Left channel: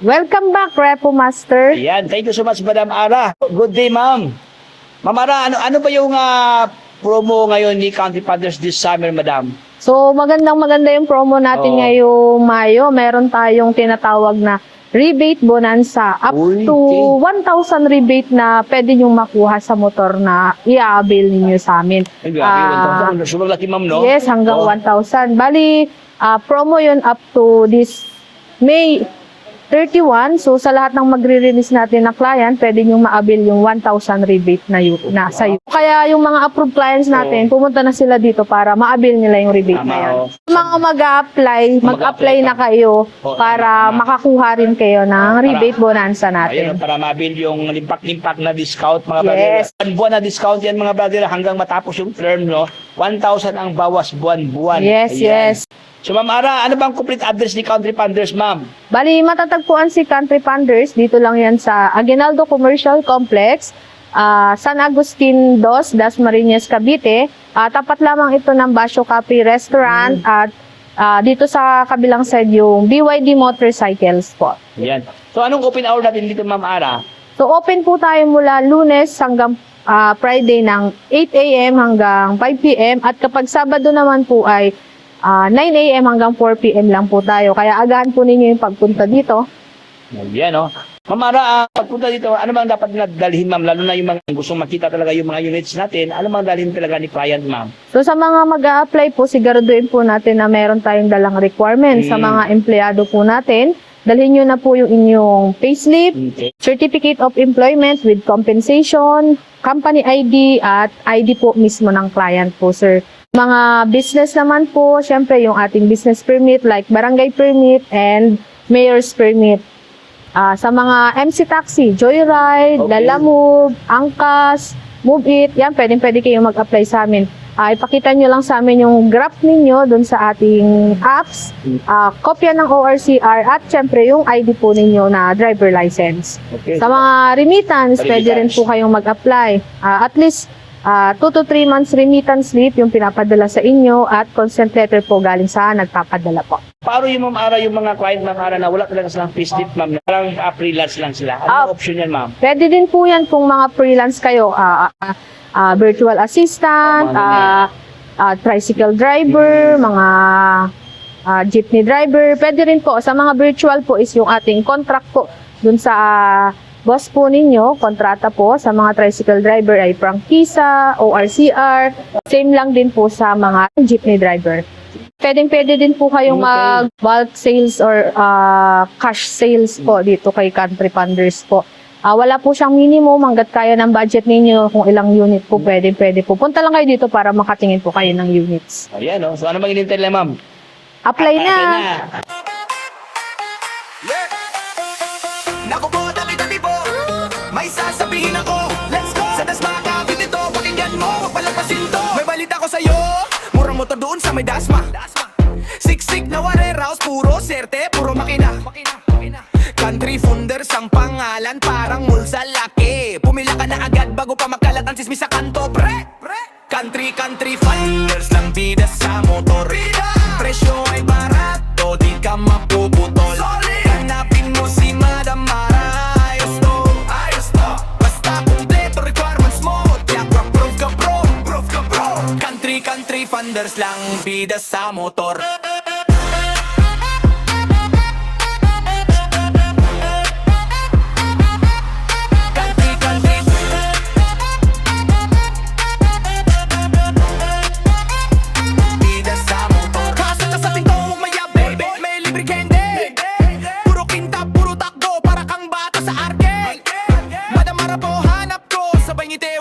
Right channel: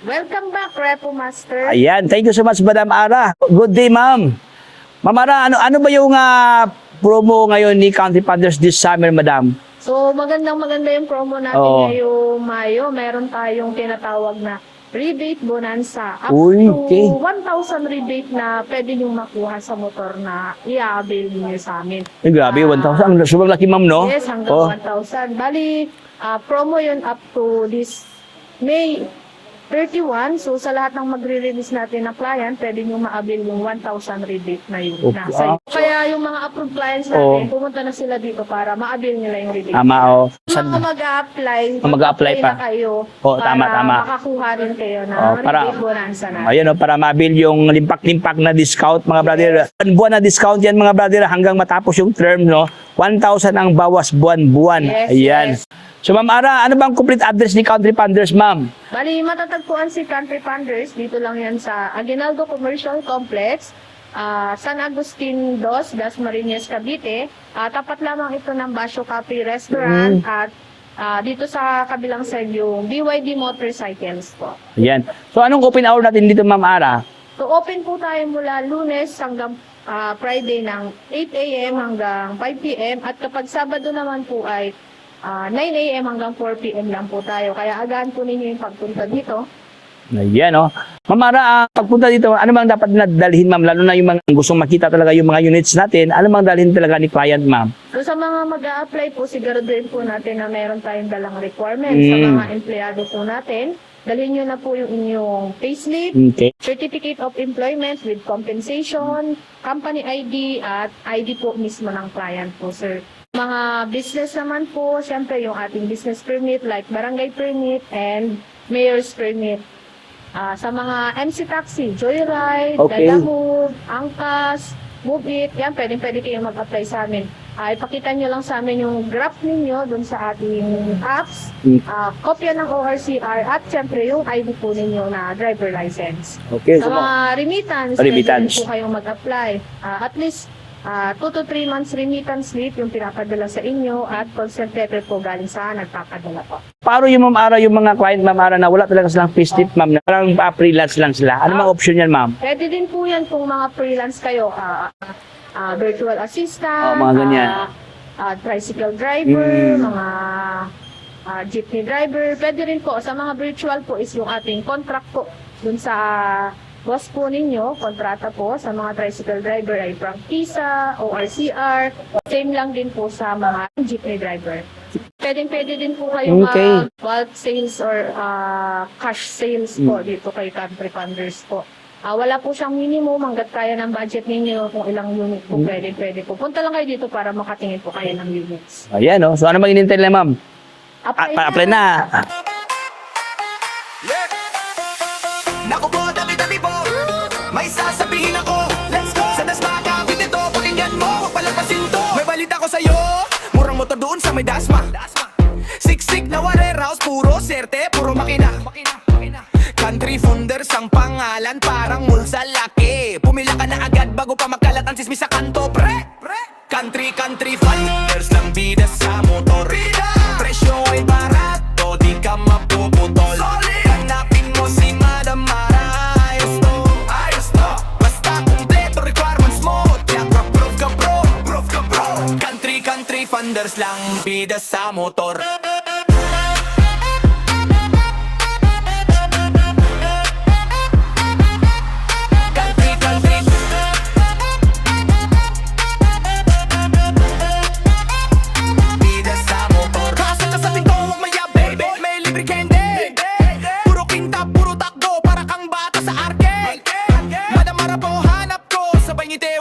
Welcome back, Repo Master. Ayan, thank you so much, Madam Ara. Good day, ma'am. Ma'am Ara, ano ba yung promo ngayon ni Country Funders this summer, Madam? So, maganda yung promo natin Oo. ngayong Mayo. Meron tayong tinatawag na rebate bonanza. Up Uy, to okay. 1,000 rebate na pwede nyo makuha sa motor na i-avail ninyo sa amin. Ay, grabe, 1,000. Sobrang laki, ma'am, no? Yes, hanggang Oh. 1,000. Bali, promo yun up to this May 31. So, sa lahat ng magre-release natin na client, pwede nyo ma-avail yung 1,000 rebate na yun, na sa Kaya yung mga approved clients natin, pumunta na sila dito para ma-avail nila yung rebate Tama, na yan. oh. Mga mag-a-apply, Mag-a-apply na pa. kayo Oh, para tama. makakuha rin kayo ng Oh, para- rebate bonanza natin. Ayun, para mabil yung limpak-limpak na discount, mga Yes. brother. Buwan na discount yan, mga brother, hanggang matapos yung term, no? 1,000 ang bawas buwan-buwan. Yes, Ayan. yes. So, Ma'am Ara, ano bang complete address ni Country Funders, ma'am? Bali, matatagpuan si Country Funders. Dito lang yan sa Aguinaldo Commercial Complex, San Agustin 2, Dasmariñas, Cavite. Tapat lamang ito ng Basho Cafe Restaurant at dito sa kabilang side yung BYD Motorcycles po. Ayan. So, anong open hour natin dito, Ma'am Ara? So, open po tayo mula Lunes hanggang Friday ng 8 a.m. hanggang 5 p.m. At kapag Sabado naman po ay 9 a.m. hanggang 4 p.m. lang po tayo. Kaya agahan po ninyo yung pagpunta dito. Ayan, no? Ma'am Ara, pagpunta dito, ano bang dapat na dalhin, ma'am? Lalo na yung mga gustong makita talaga yung mga units natin, ano bang dalhin talaga ni client, ma'am? So sa mga mag-a-apply po, siguraduhin po natin na meron tayong dalang requirements. Sa mga empleyado po natin, dalhin nyo na po yung inyong payslip, Okay. Certificate of Employment with Compensation, Company ID, at ID po mismo ng client po, sir. Mga business naman po, syempre yung ating business permit like barangay permit and mayor's permit. Sa mga MC Taxi, Joyride, Okay. Lalamove, Angkas, Move It, yan, pwede kayong mag-apply sa amin. Ipakita nyo lang sa amin yung graph ninyo dun sa ating apps, kopya ng ORCR, at syempre yung ID po ninyo na driver license. Okay. Sa mga remittance, pwede rin Remittance. po kayong mag-apply. At least 2 to 3 months remittance slip yung pinapadala sa inyo at consent letter po galing sa nagpapadala po. Paano yung, Ma'am Ara, yung mga client, Ma'am Ara, na wala talaga silang payslip, ma'am, na parang freelance lang sila? Ano mga option yan, ma'am? Pwede din po yan kung mga freelance kayo, virtual assistant, mga ganyan. tricycle driver, mga jeepney driver. Pwede rin po. Sa mga virtual po is yung ating contract po dun sa boss po ninyo, kontrata po sa mga tricycle driver ay prangkisa, ORCR. Same lang din po sa mga jeepney driver. Pwede din po kayong Okay. bulk sales or cash sales po dito kay Country Funders po. Wala po siyang minimum hanggat kaya ng budget ninyo kung ilang unit po pwede po. Punta lang kayo dito para makatingin po kayo ng units. Ayan, no? So, ano bang inintay nila, ma'am? Apply na! Apply na! Naku po, dami-dami po. May sasabihin ako. Let's go! Sa Dasma, Cavite to. Pakinggan mo, wag palapasin to. May balita ko sa'yo. Murang motor doon sa may Dasma. Siksik na warehouse, puro serte, puro makina. Country Funders ang pangalan, parang mall sa laki. Pumila ka na agad bago pa makalat ang sismis sa kanto, pre. Country Funders lang bida sa motor. Presyo ay barato, di ka mapuputol. Hanapin mo si Madam Ara, ayos to. Basta kumpleto requirements mo, tiyak proof ka bro. Country Funders lang bida sa motor. Bida sa motor. Kaso na sa pinto, huwag mayabe. May libre candy. Puro kinta, puro takbo, para kang bata sa arcade. Madamara po hanap ko, sabay ngiti,